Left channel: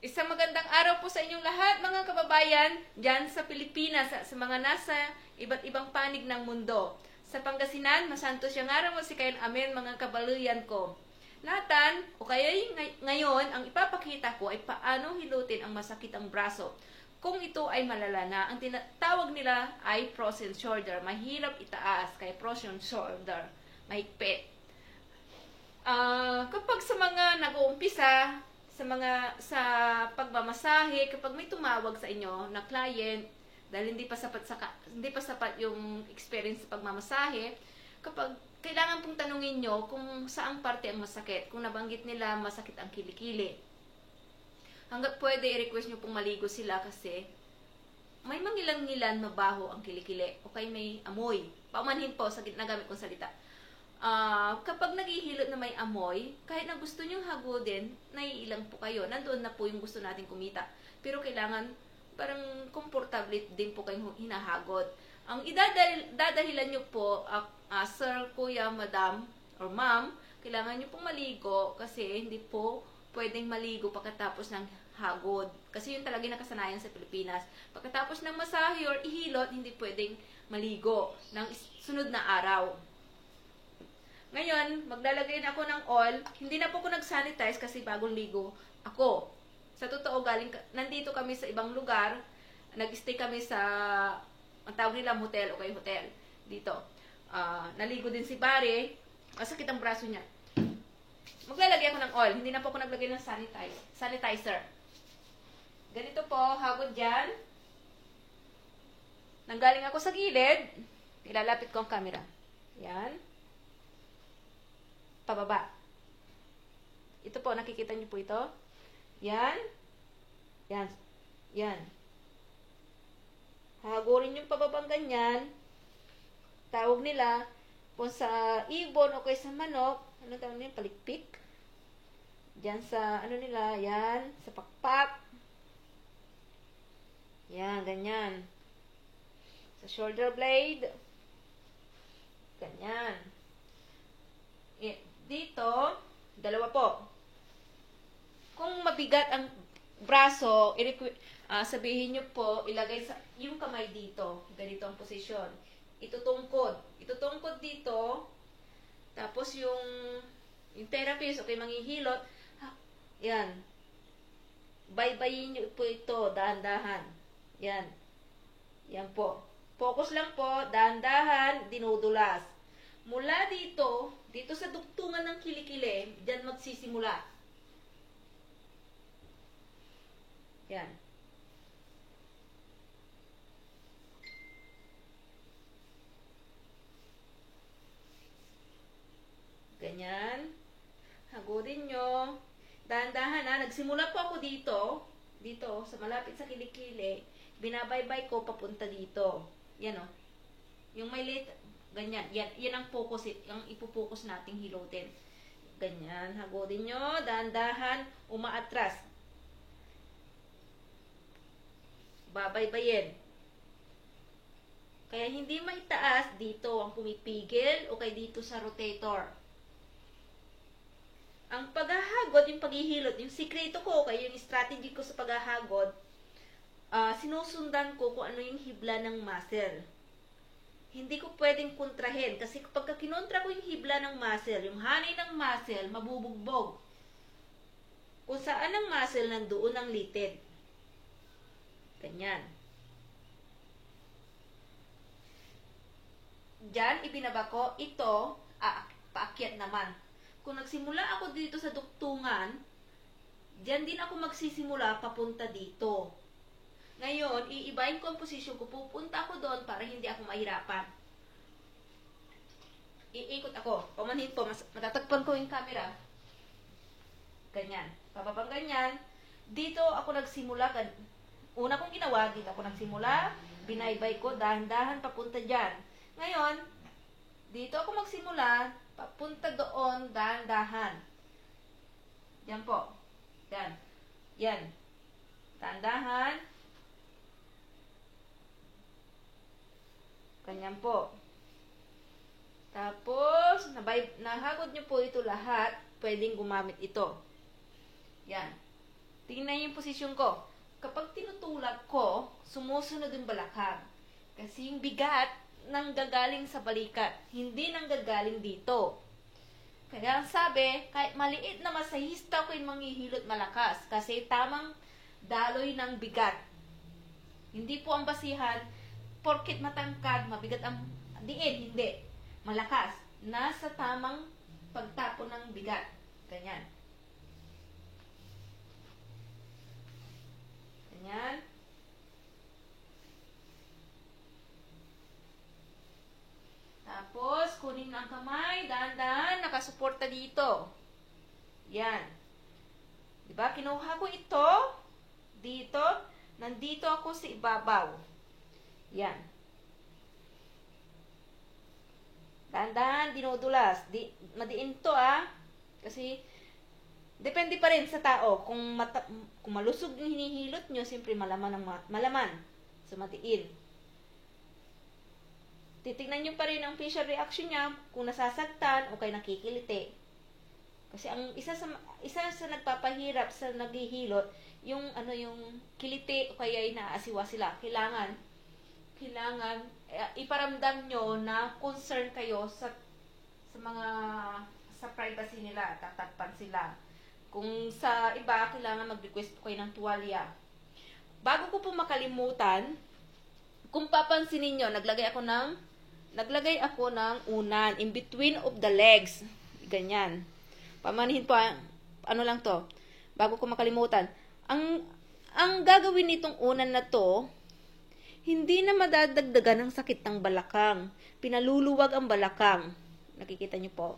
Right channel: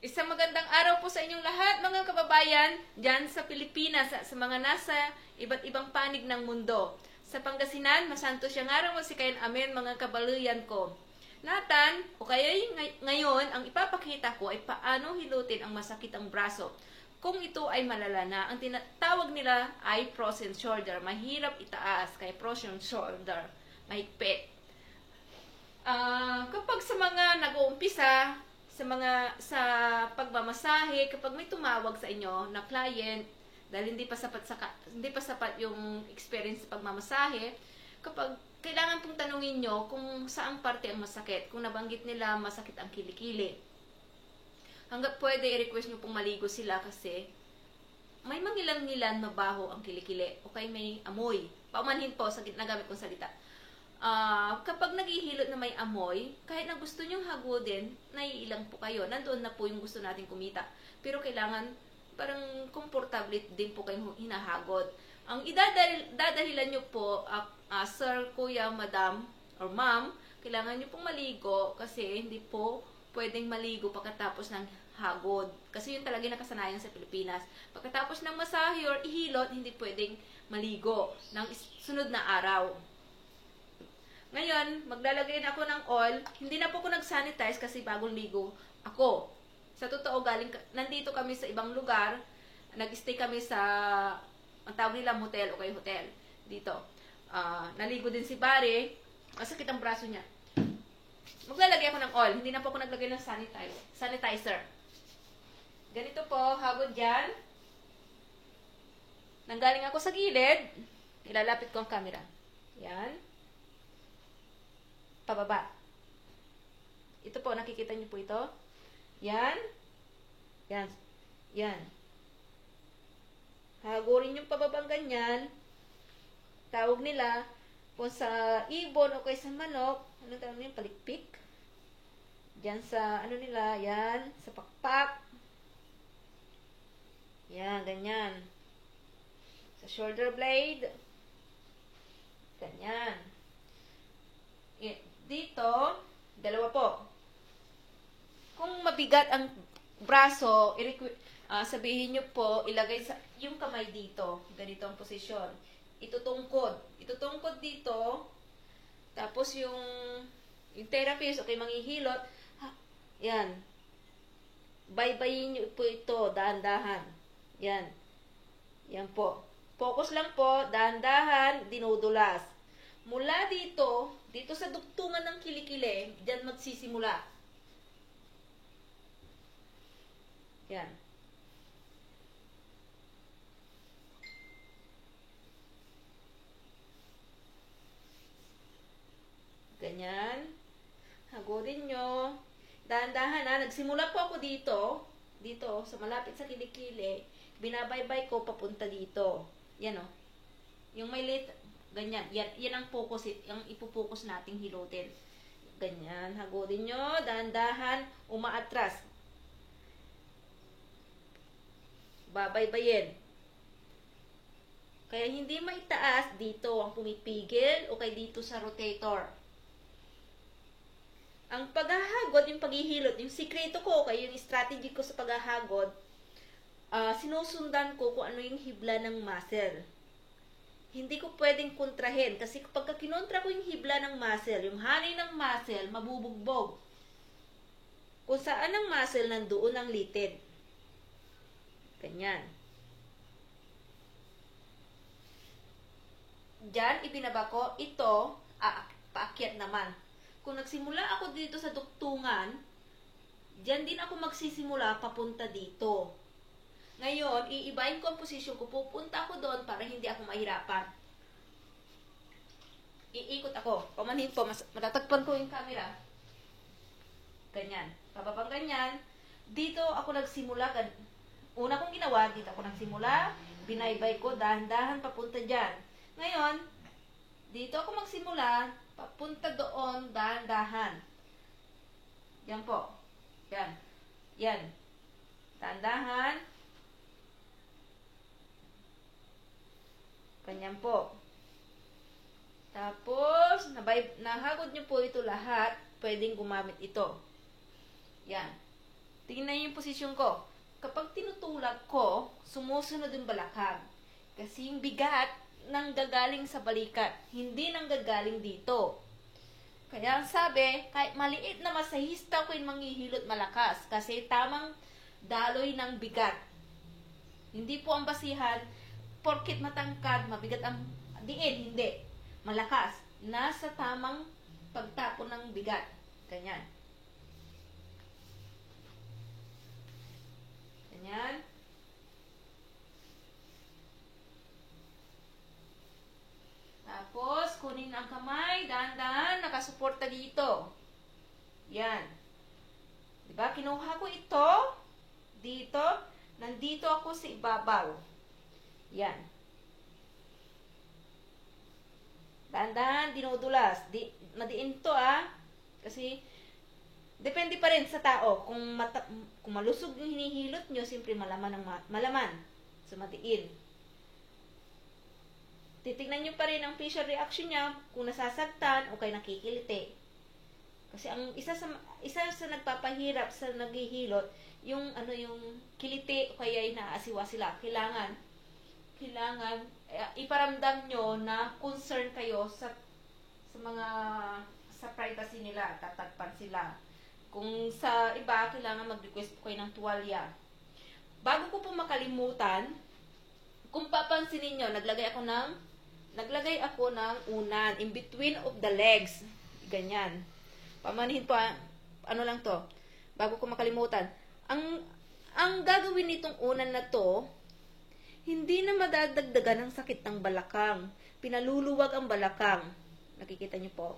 Isang magandang araw po sa inyong lahat, mga kababayan, dyan sa Pilipinas, sa mga nasa iba't ibang panig ng mundo. Sa Pangasinan, masanto siyang araw mo si kayan amen, mga kabaluyan ko. Natan, o kaya ngayon, ang ipapakita ko ay paano hilutin ang masakitang braso. Kung ito ay malala na, ang tinatawag nila ay frozen shoulder. Mahirap itaas, kaya frozen shoulder. Mahigpit. Kapag sa mga nag-uumpisa, sa pagmamasahe, kapag may tumawag sa inyo na client dahil hindi pa sapat yung experience sa pagmamasahe, kapag kailangan pong tanungin nyo kung saang parte ang masakit. Kung nabanggit nila masakit ang kilikili, hanggat pwede i-request nyo pong maligo sila kasi may mangilan-ngilan mabaho ang kilikili o kaya may amoy. Paumanhin po sa nagamit kong salita. Kapag naghihilot na may amoy, kahit na gusto nyong hagodin, naiilang po kayo. Nandoon na po yung gusto natin kumita. Pero kailangan, parang komportable din po kayong hinahagod. Ang idadahilan nyo po, sir, kuya, madam, or ma'am, kailangan nyo pong maligo kasi hindi po pwedeng maligo pagkatapos ng hagod. Kasi yun talaga nakasanayan sa Pilipinas. Pagkatapos ng masahe or ihilot, hindi pwedeng maligo ng sunod na araw. Ngayon, maglalagay na ako ng oil. Hindi na po ako nag-sanitize kasi bagong ligo ako. Sa totoo, nandito kami sa ibang lugar. Nag-stay kami sa, ang tawag nila motel o kay hotel. Dito. Naligo din si Barry. Masakit ang braso niya. Maglalagay ako ng oil. Hindi na po ako naglagay ng sanitizer. Ganito po, hagod dyan. Nanggaling ako sa gilid. Ilalapit ko ang camera. Yan. Pababa. Ito po, nakikita niyo po ito. Yan. Yan. Yan. Hagurin yung pababang ganyan. Tawag nila, kung sa ibon o kaya sa manok, ano tawag nila? Palikpik. Diyan sa, ano nila, yan. Sa pakpak. Yan, ganyan. Sa shoulder blade. Ganyan. Dito, dalawa po. Kung mabigat ang braso, sabihin nyo po, ilagay yung kamay dito. Ganito ang posisyon. Itutungkod. Itutungkod dito. Tapos yung therapist, okay, manghihilot. Yan. Baybayin nyo po ito, dahan-dahan. Yan. Yan po. Focus lang po, dahan-dahan, dinudulas. Mula dito sa dugtungan ng kilikili, dyan magsisimula. Yan. Ganyan. Hagodin nyo. Dahan-dahan ha. Nagsimula po ako dito, sa malapit sa kilikili. Binabaybay ko papunta dito. Yan o. Yung may late, ganyan. Yan ang focus, ang ipopokus nating hilutin. Ganyan. Hagodin nyo. Dahan-dahan. Umaatras. Babaybayin. Kaya hindi maitaas dito ang pumipigil o kaya dito sa rotator. Ang paghahagod, yung paghihilot, yung sikreto ko, kaya yung strategy ko sa paghahagod, sinusundan ko kung ano yung hibla ng muscle. Hindi ko pwedeng kontrahin. Kasi kapag kinontra ko yung hibla ng muscle, yung hanay ng muscle, mabubugbog. Kung saan ang muscle, nandoon ang litid. Ganyan. Diyan, ibinaba ko. Ito, paakyat naman. Kung nagsimula ako dito sa duktungan, diyan din ako magsisimula papunta dito. Ngayon, iibahin ko ang posisyon ko. Pupunta ako doon para hindi ako mahirapan. Iikot ako. Pamanhin po. Matatagpan ko yung camera. Ganyan. Pababang ganyan. Dito ako nagsimula. Una kong ginawa, dito ako nagsimula. Binaybay ko. Dahan-dahan papunta dyan. Ngayon, dito ako magsimula. Papunta doon. Dahan-dahan. Yan po. Yan. Yan. Dahan-dahan. Ganyan po. Tapos, nahagod nyo po ito lahat, pwedeng gumamit ito. Yan. Tingnan niyo yung posisyon ko. Kapag tinutulak ko, sumusunod yung balakang. Kasi yung bigat nanggagaling sa balikat, hindi nanggagaling dito. Kaya ang sabi, kahit maliit na masahista ko yung manghihilot malakas kasi tamang daloy ng bigat. Hindi po ang basihan, porkit matangkad, mabigat ang diin, hindi. Malakas. Nasa tamang pagtapon ng bigat. Ganyan. Ganyan. Tapos, kunin ang kamay, dahan-dahan, nakasuporta dito. Yan. Diba? Kinuha ko ito, dito, nandito ako sa ibabaw. Yan. Dahan-dahan, dinudulas. Madiin to, Kasi, depende pa rin sa tao. Kung malusog yung hinihilot nyo, siyempre malaman. So, madiin. Titignan nyo pa rin ang facial reaction niya kung nasasaktan o kay nakikiliti. Kasi ang isa sa nagpapahirap sa naghihilot, yung kiliti o kaya inaasiwa sila. Kailangan iparamdam nyo na concern kayo sa privacy nila, tatakpan sila. Kung sa iba, kailangan mag-request kayo ng tuwalya. Bago ko po makalimutan, kung papansin niyo, naglagay ako ng unan in between of the legs. Ganyan. Pamanihin po, ano lang to. Bago ko makalimutan. Ang gagawin nitong unan na to, hindi na madadagdagan ng sakit ng balakang. Pinaluluwag ang balakang. Nakikita niyo po.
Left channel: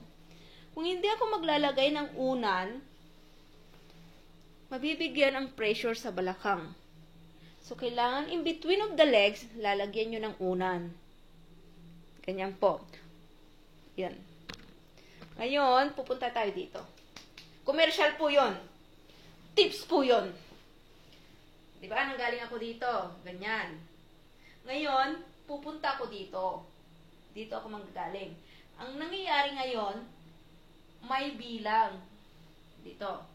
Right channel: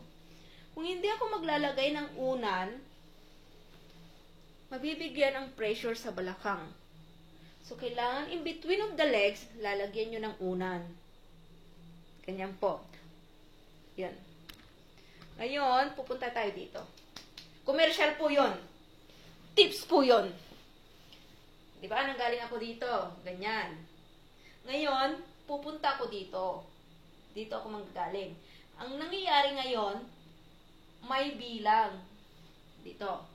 Kung hindi ako maglalagay ng unan, mabibigyan ang pressure sa balakang. So, kailangan in between of the legs, lalagyan nyo ng unan. Ganyan po. Yan. Ngayon, pupunta tayo dito. Commercial po yon. Tips po yon. Diba? Nanggaling ako dito. Ganyan. Ngayon, pupunta ako dito. Dito ako manggagaling. Ang nangyayari ngayon, may bilang. Dito.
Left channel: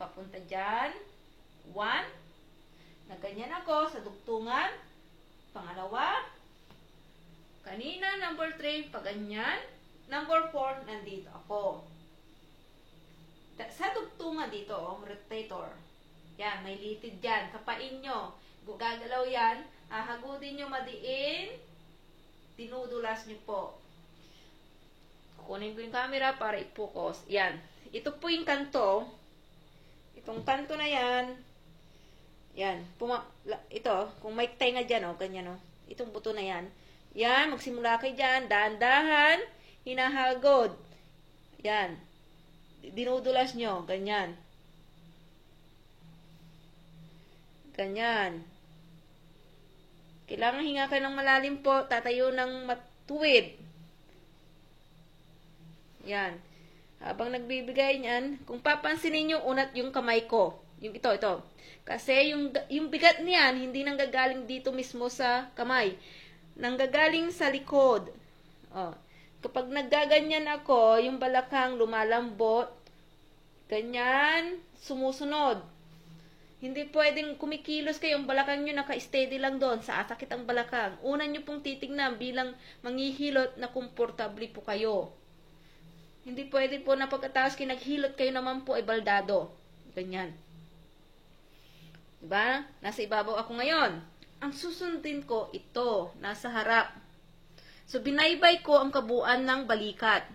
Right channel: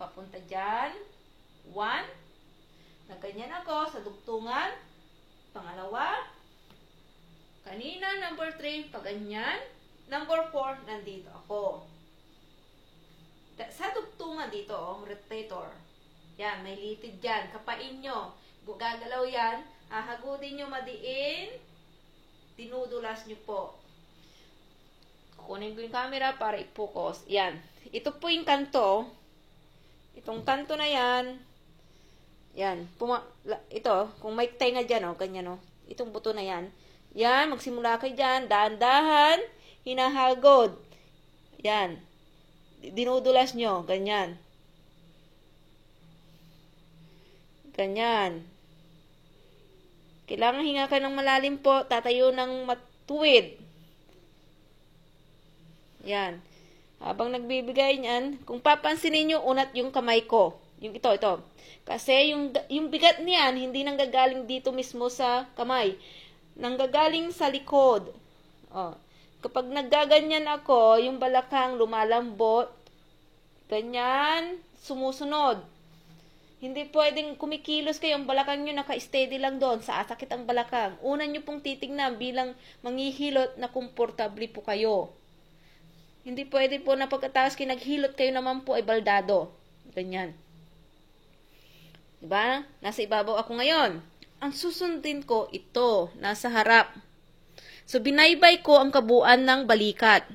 Papunta dyan. 1. Nagganyan ako sa dugtungan. Pangalawa. Kanina, number 3, paganyan. Number 4, nandito ako. Sa dugtungan dito, rotator. Yan, may litid dyan. Kapain nyo. Gagalaw yan. Hahagudin nyo madiin. Tinudulas nyo po. Kukunin ko yung camera para i-focus. Yan. Ito po yung kanto. Itong kanto na yan. Yan. Ito, kung may tenga dyan, ganyan, itong buto na yan. Yan, magsimula kayo dyan. Dahan-dahan. Hinahagod. Yan. Dinudulas nyo. Ganyan. Ganyan. Kailangan hinga kayo ng malalim po. Tatayo ng matuwid. Yan. Habang nagbibigay niyan, kung papansinin nyo, unat yung kamay ko. Yung ito. Kasi yung bigat niyan, hindi nanggagaling dito mismo sa kamay. Nanggagaling sa likod. Kapag naggaganyan ako, yung balakang lumalambot. Ganyan, sumusunod. Hindi pwedeng kumikilos kayo, ang balakang nyo naka-steady lang doon, sasakit ang balakang. Unan nyo pong titignan bilang manghihilot na komportable po kayo. Hindi pwede po na pagkatapos kinaghilot kayo naman po ay baldado. Ganyan. Diba? Nasa ibabaw ako ngayon. Ang susundin ko, ito, nasa harap. So, binaybay ko ang kabuuan ng balikat.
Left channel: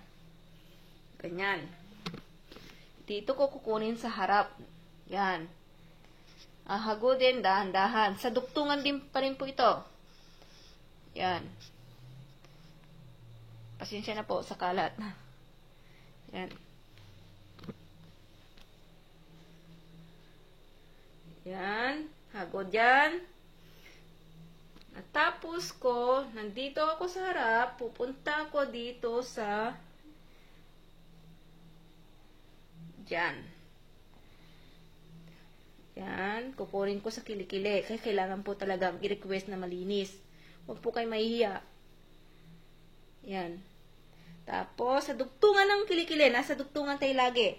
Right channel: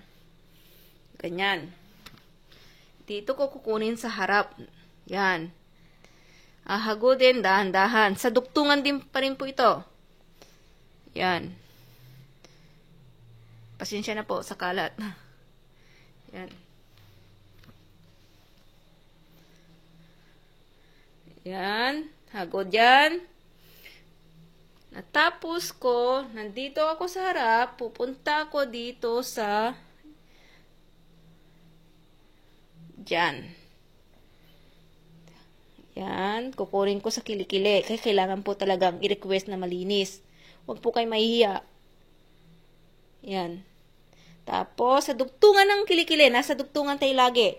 Ganyan. Dito ko kukunin sa harap. Yan. Ahagudin, dahan-dahan. Sa dugtungan din pa rin po ito. Yan. Pasensya na po sa kalat. Yan. Yan. Hagod yan. Natapos ko, nandito ako sa harap, pupunta ako dito sa dyan. Yan, kukunin ko sa kilikili. Kaya kailangan po talagang i-request na malinis. Huwag po kayo mahihiya. Yan. Tapos, sa dugtungan ng kilikili, nasa dugtungan tayo lagi.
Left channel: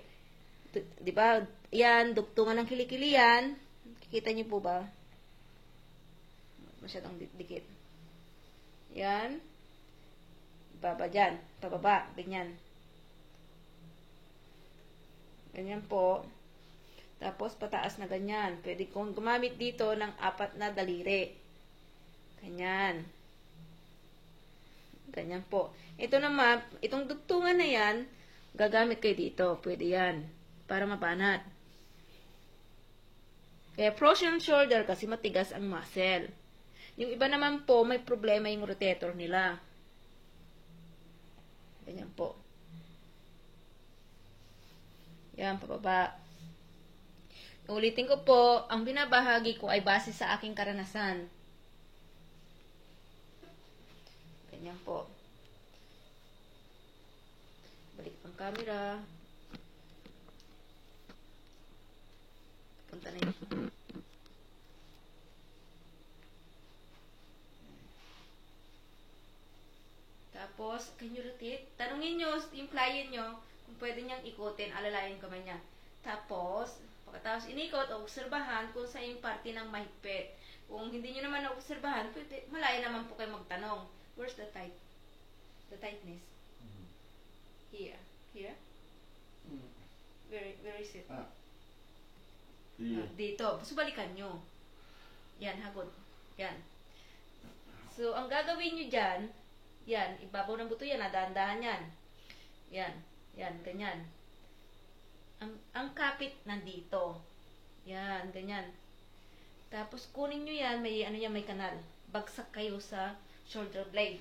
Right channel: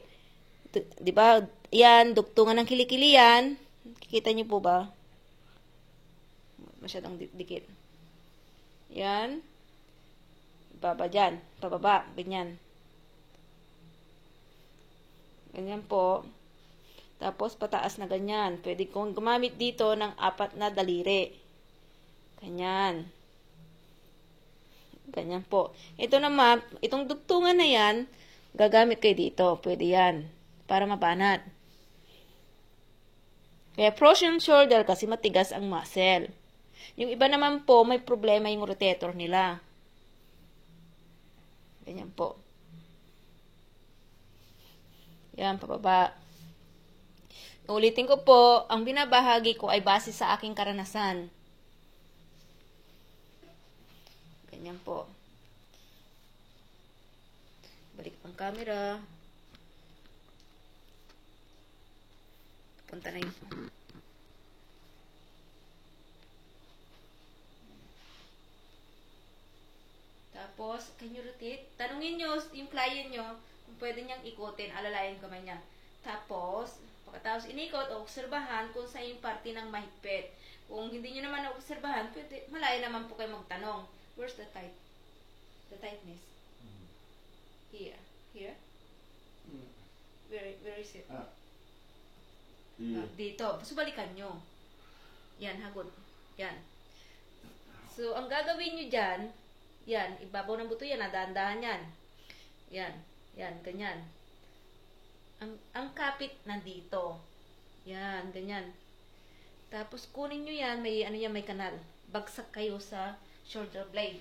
Diba? yan, dugtungan ng kilikili yan. Kikita niyo po ba? Masyadong dikit. Yan. Baba dyan. Pababa. Ganyan. Ganyan po. Tapos, pataas na ganyan. Pwede kong gumamit dito ng 4 na daliri. Ganyan. Ganyan po. Ito naman, itong dugtungan na yan, gagamit kayo dito. Pwede yan. Para mabanat. Kaya frozen shoulder kasi matigas ang muscle. Yung iba naman po, may problema yung rotator nila. Ganyan po. Yan, pababa. Ulitin ko po, ang binabahagi ko ay base sa aking karanasan. Ganyan po. Balik ang camera. Punta na yun. Tapos, can you rotate? Tanungin nyo yung client nyo kung pwede niyang ikutin, alalayan kamay niya. Tapos, pagkatapos inikot, obserbahan kung sa yung parte ng mahigpit. Kung hindi nyo naman obserbahan, pwede, malaya naman po kayo magtanong. Where's the tight? The tightness? Here. Here? Where is it? Dito. So, balikan nyo. Yan, hagod. Yan. So, ang gagawin nyo dyan, yan, ibabaw ng buto yan, dahan-dahan yan. Yan, yan, ganyan. Ang kapit nandito. Yan, ganyan. Tapos, kunin nyo yan, may, ano yan, may kanal. Bagsak kayo sa shoulder blade.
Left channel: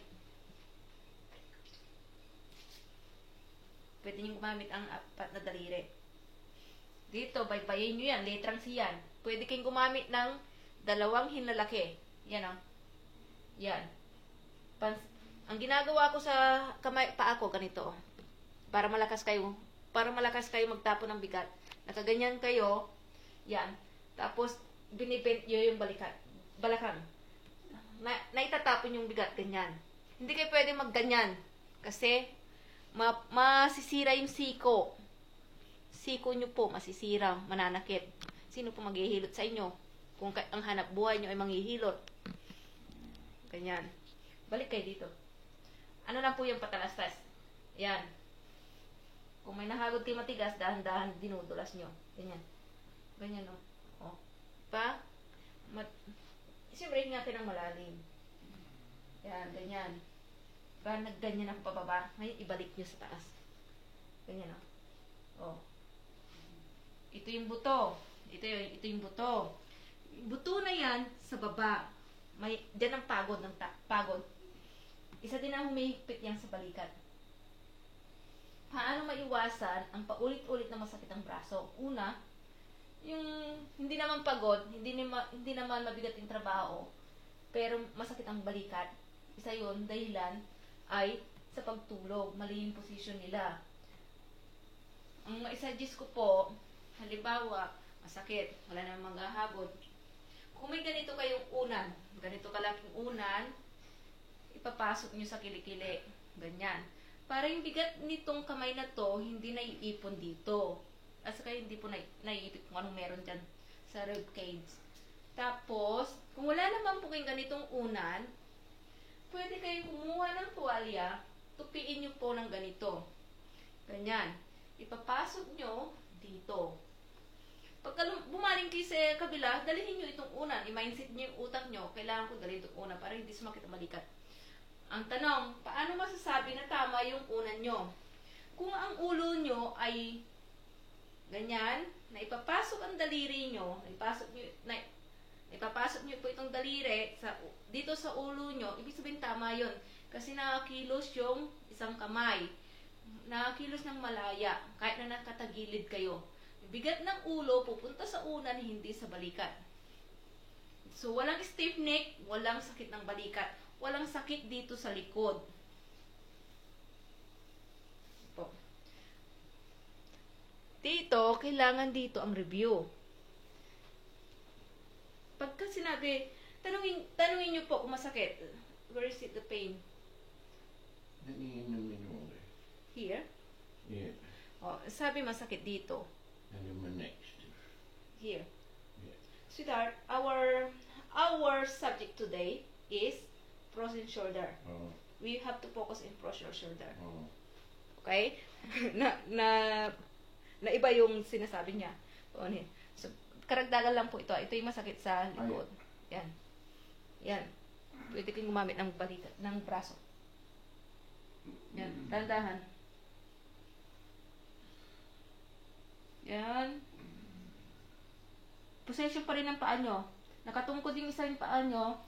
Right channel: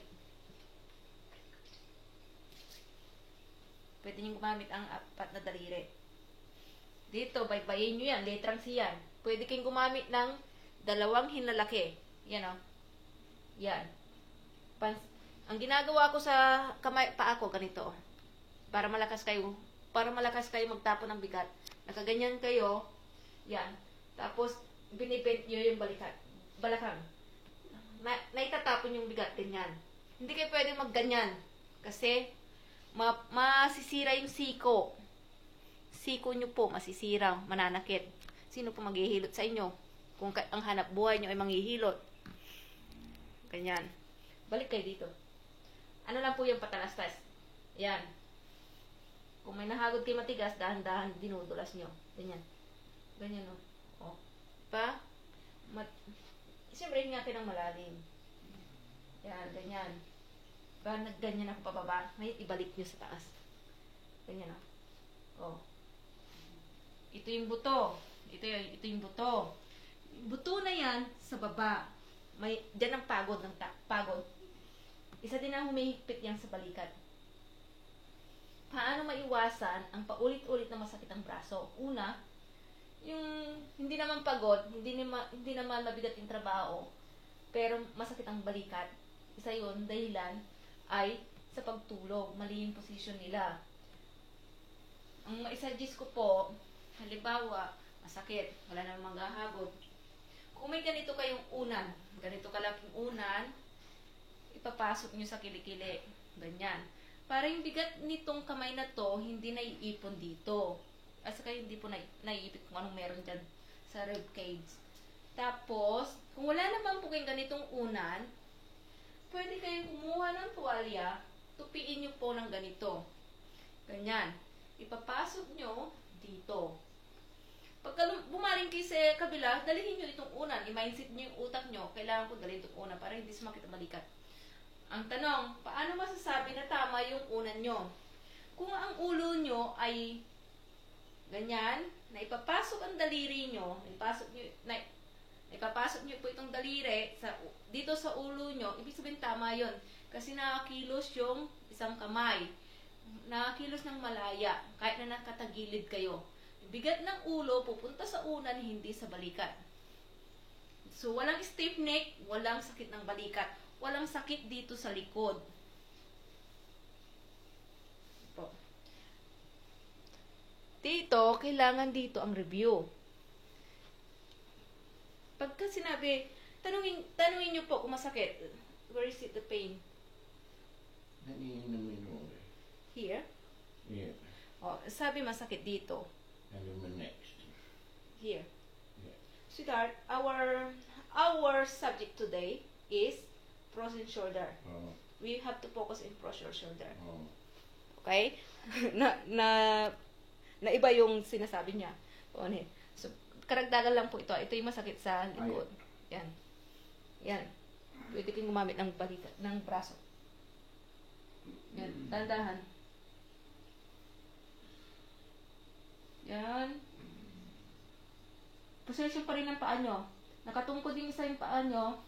Pwede nyo gumamit ang 4 na daliri. Dito, baybayin nyo yan, letrang C yan. Pwede kayong gumamit ng 2 hinlalaki. Yan o. Yan. Ang ginagawa ko sa kamay, paa ko, ganito. Para malakas kayo magtapo ng bigat. Nakaganyan kayo. Yan. Tapos, yun yung balakang. Naitatapon yung bigat, ganyan. Hindi kayo pwede magganyan. Kasi, masisira yung siko. Siko nyo po, masisira, mananakit. Sino po maghihilot sa inyo? Kung ang hanap buhay nyo ay manghihilot. Ganyan. Balik kayo dito. Ano lang po yung patalastas? Yan. Kung may nahagod kayo matigas, dahan-dahan dinudulas nyo. Ganyan. Ganyan, no? O. Pa? Siyempre, hingatin ng malalim. Yan, ganyan. Pa, nagganyan ako pababa. Ngayon, ibalik nyo sa taas. Ganyan, no? O. Ito yung buto. Ito yung buto. Buto na yan sa baba. Diyan ang pagod ng pagod. Isa din ang humihigpit yan sa balikat. Paano maiwasan ang paulit-ulit na masakit ang braso? Una, yung hindi naman pagod, hindi naman mabigat yung trabaho, pero masakit ang balikat. Isa yun, dahilan ay sa pagtulog, mali yung position nila. Ang maisuggest ko po, halimbawa, masakit, wala namang maghahagod. Kung may ganito kayong unan, ganito kalaking unan, ipapasok nyo sa kilikili. Ganyan. Para yung bigat nitong kamay na to, hindi naiipon dito. At saka hindi po naiipit kung anong meron dyan sa rib cage. Tapos, kung wala naman po kayong ganitong unan, pwede kayong kumuha ng tuwalya, tupiin nyo po ng ganito. Ganyan. Ipapasok nyo dito. Pagka bumaling kayo sa kabila, dalihin nyo itong unan. I-mindset nyo yung utak nyo, kailangan ko dalhin itong unan para hindi sumakit ang balikat. Ang tanong, paano masasabi na tama yung unan nyo? Kung ang ulo nyo ay ganyan, na ipapasok ang daliri nyo, ipapasok nyo po itong daliri dito sa ulo nyo, ibig sabihin tama yun. Kasi nakakilos yung isang kamay. Nakakilos ng malaya, kahit na nakatagilid kayo. Bigat ng ulo, pupunta sa unan, hindi sa balikat. So, walang stiff neck, walang sakit ng balikat. Walang sakit dito sa likod. Po. Dito, kailangan dito ang review. Pagka sinabi, tanungin nyo po kung masakit. Where is it, the pain? Here? Yeah. Oh, sabi masakit dito. And then the next. start, our subject today is frozen shoulder. We have to focus in frozen shoulder. Okay? na iba yung sinasabi niya. So, karagdagan lang po ito. Ito yung masakit sa likod. Yan. Yan. Pwede kang gumamit ng balikat, ng braso. Yan. Dandahan. Yan. Position pa rin ang paa nyo. Nakatungkod yung isa yung paa nyo,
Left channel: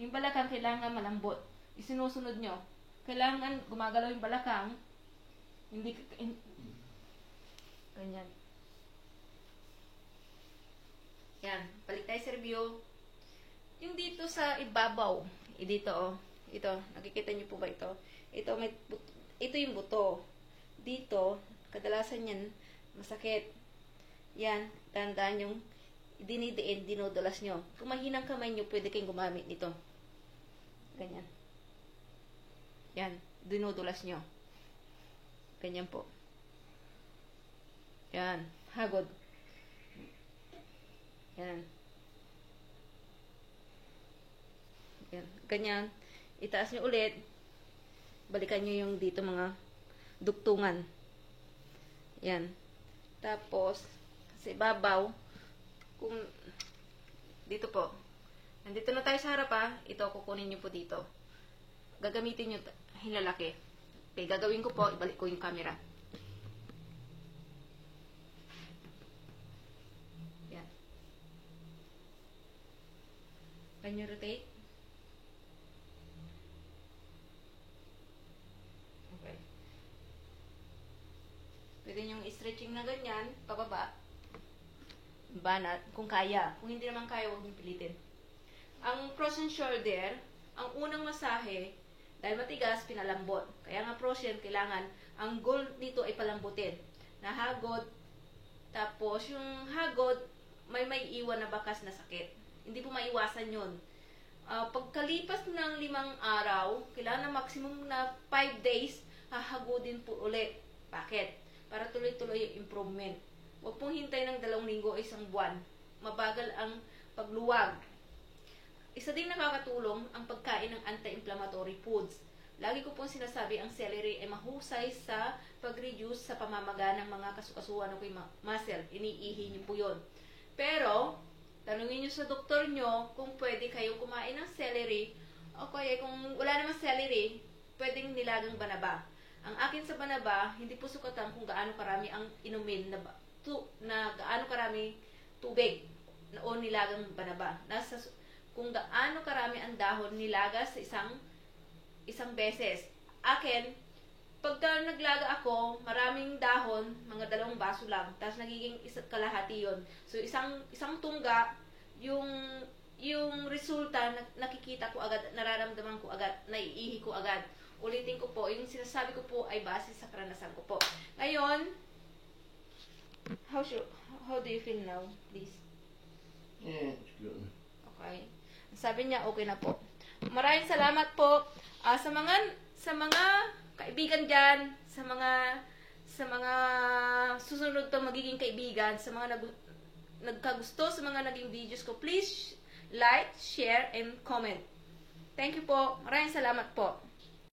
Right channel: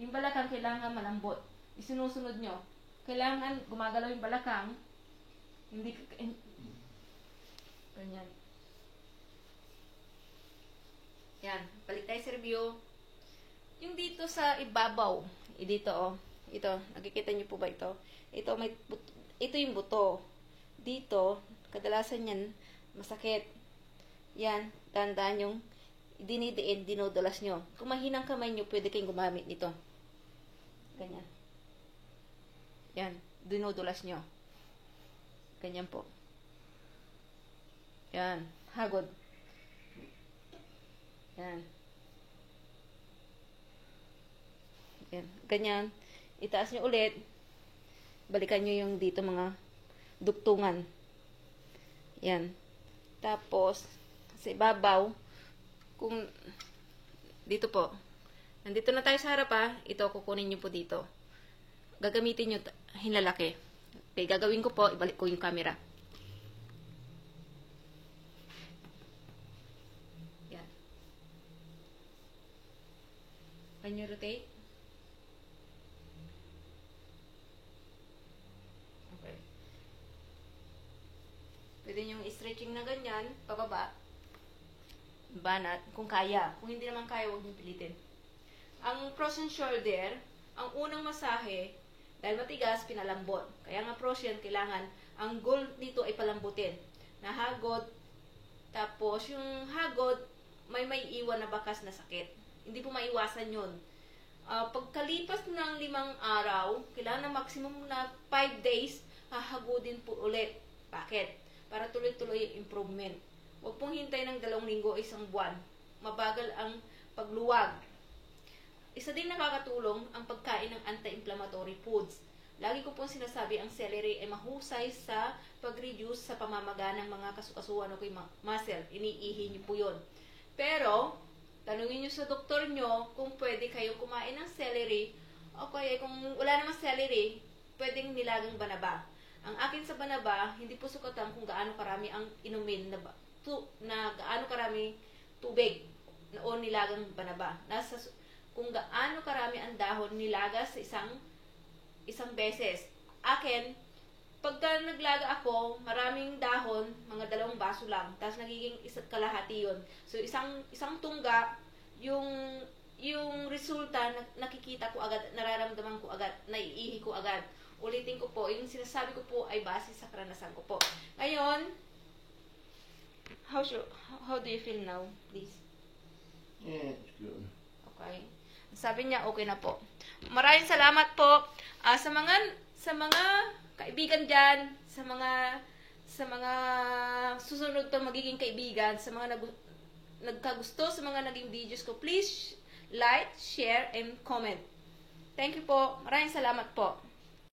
yung balakang kailangan malambot. Isinusunod nyo. Kailangan gumagalaw yung balakang. Hindi ganyan. Yan. Balik tayo sa review. Yung dito sa ibabaw. Dito, oh. Ito. Nakikita niyo po ba ito? Ito yung buto. Dito, kadalasan yan, masakit. Yan. Tandaan yung dinidiin, dinudulas nyo. Kung mahinang kamay nyo, pwede kayong gumamit nito. Ganyan. Yan. Dinudulas nyo. Ganyan po. Yan. Hagod. Yan. Yan. Ganyan. Itaas nyo ulit. Balikan nyo yung dito mga duktungan. Yan. Tapos, sa ibabaw, kung dito po, nandito na tayo sa harap ito kukunin nyo po dito. Gagamitin nyo hinlalaki. Okay, gagawin ko po, ibalik ko yung camera. Yan. Can you rotate? Okay. Pwede nyo i-stretching na ganyan, pababa. Banat, kung kaya. Kung hindi naman kaya, huwag niyo pilitin. Ang frozen shoulder, ang unang masahe, dahil matigas, pinalambot. Kaya nga frozen, kailangan, ang goal dito ay palambutin. Nahagod, tapos yung hagod, may iwan na bakas na sakit. Hindi po maiwasan yun. Pagkalipas ng 5 araw, kailangan na maximum na 5 days, hahagodin po ulit. Bakit? Para tuloy-tuloy yung improvement. Huwag pong hintay ng 2 linggo o 1 buwan. Mabagal ang pagluwag. Isa din nakakatulong ang pagkain ng anti-inflammatory foods. Lagi ko pong sinasabi, ang celery ay mahusay sa pag-reduce sa pamamaga ng mga kasukasuan o muscle. Iniihi niyo po yun. Pero, tanungin niyo sa doktor niyo kung pwede kayong kumain ng celery o kaya kung wala namang celery, pwedeng nilagang banaba. Ang akin sa banaba, hindi po sukatan kung gaano karami ang inumin na gaano karami tubig o nilagang banaba. Kung gaano karami ang dahon nilaga sa isang beses. Akin, pagka naglaga ako, maraming dahon, mga 2 baso lang, tapos nagiging kalahati yun. So, isang tungga, yung resulta, nakikita ko agad, nararamdaman ko agad, naiihi ko agad. Ulitin ko po, yung sinasabi ko po ay base sa karanasan ko po. Ngayon, how do you feel now, please? Yeah, it's good. Okay. Sabi niya, okay na po. Maraming salamat po sa mga kaibigan dyan, sa mga susunod pa magiging kaibigan, sa mga nagkagusto sa mga naging videos ko. Please like, share, and comment. Thank you po. Maraming salamat po.